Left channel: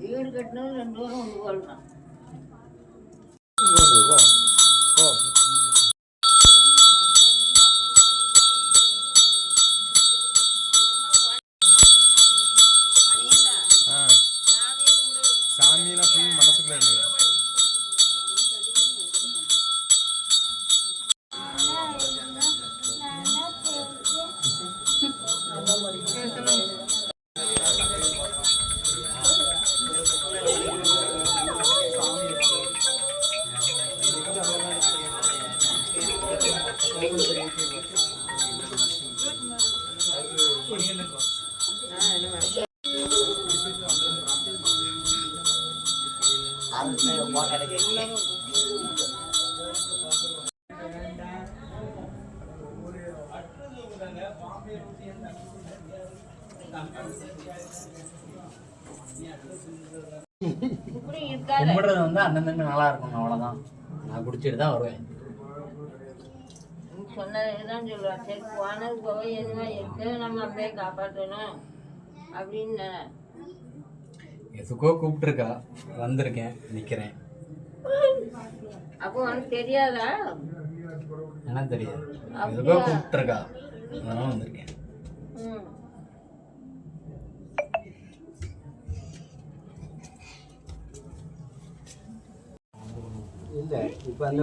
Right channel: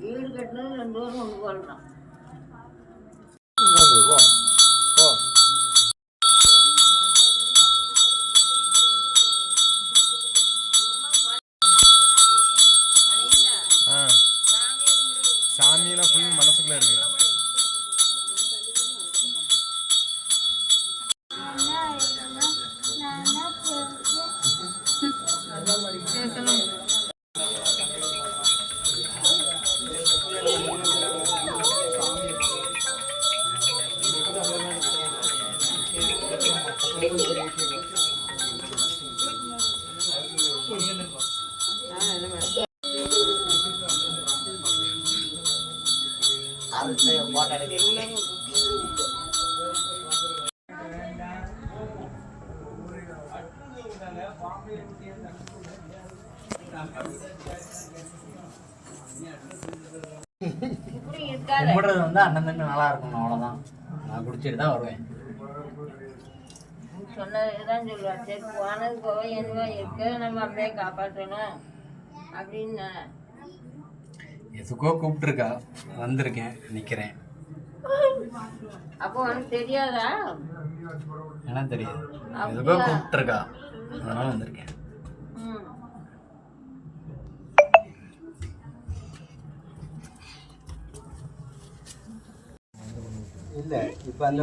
வீடு கட்டினது 2 பேரும் ஒன்று போல் தான். சாமியெல்லாம் ஃபுல் மனசுக்குள்ள இருக்கு. கும்பிடுறது வந்து அண்ணன் தண்ணி நல்லா இருக்கும், அவ்வளோதான். நான் குடிச்சிட்டு தான் வருவேன். சொன்னதுதான் சொல்லுவேன். சரி போனது போக என்ன இருக்க, நம்ம அப்படியே காப்பாற்றணும் அப்படின்னு. எதுக்கோ கூப்பிட்டுருக்கா, வந்திருக்கேன், நிற்கிறேன். அப்போ உனக்கு தெரியாதா? என்ன தெரியாது, எதுக்கோ கூப்பிட்டுருக்கா, அதனால வந்திருக்கேன். இல்லை இப்போ அந்த